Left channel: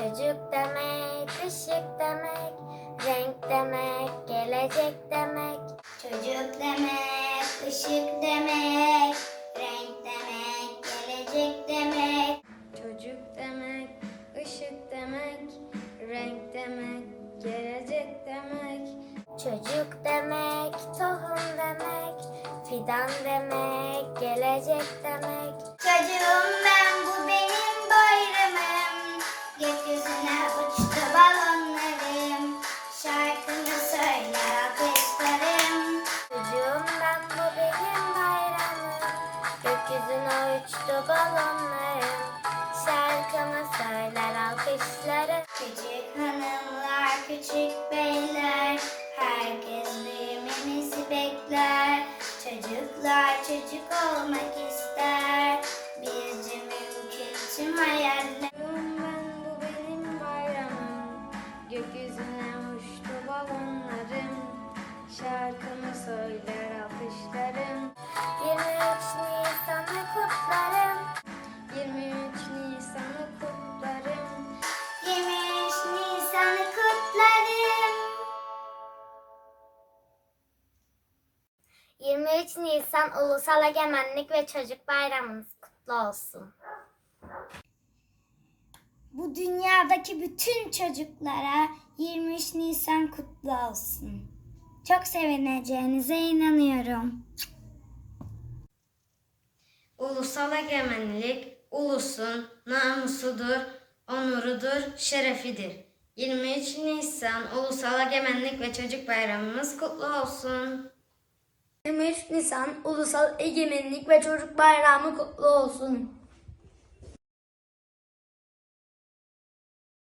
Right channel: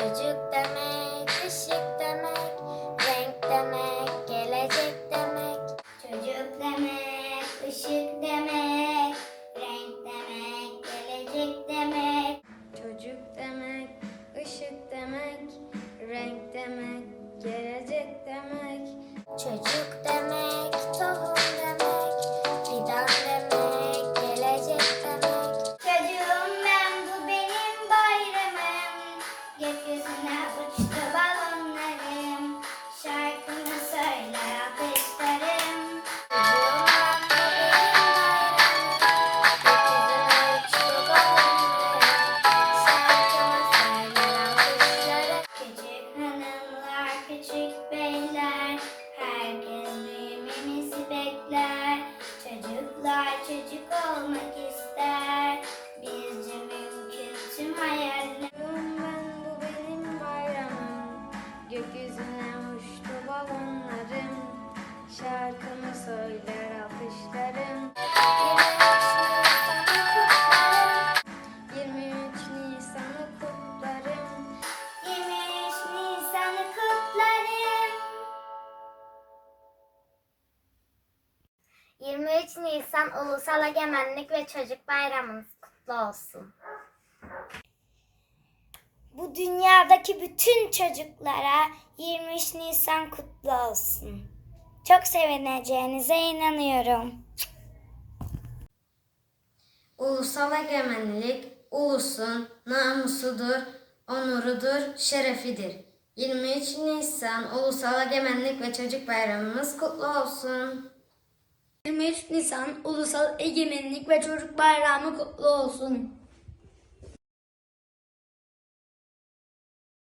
Çocuk demek, ışık demek, renk demek, gelecek demek. Çocuk demek, ışık demek, renk demek, gelecek demek. Çocuk demek, ışık demek, renk demek, gelecek demek. Çocuk demek, tohum demek, fidan demek, gelecek demek. Çocuklar çocuk olmak ister, bizce mümkün tüm hayaller. 23 Nisan Ulusal Egemenlik ve Çocuk Bayramınız kutlu olsun. Bu dünyadaki bütün çocuklara 23 Nisan kutlu olsun. Çok sevineceğinize inanıyorum. Ulusal egemenlik ulusun namusudur, onurudur, şerefidir. 23 Nisan Ulusal Egemenlik ve Çocuk Bayramımız kutlu olsun. 23 Nisan Ulusal Egemenlik ve Çocuk Bayramı kutlu olsun.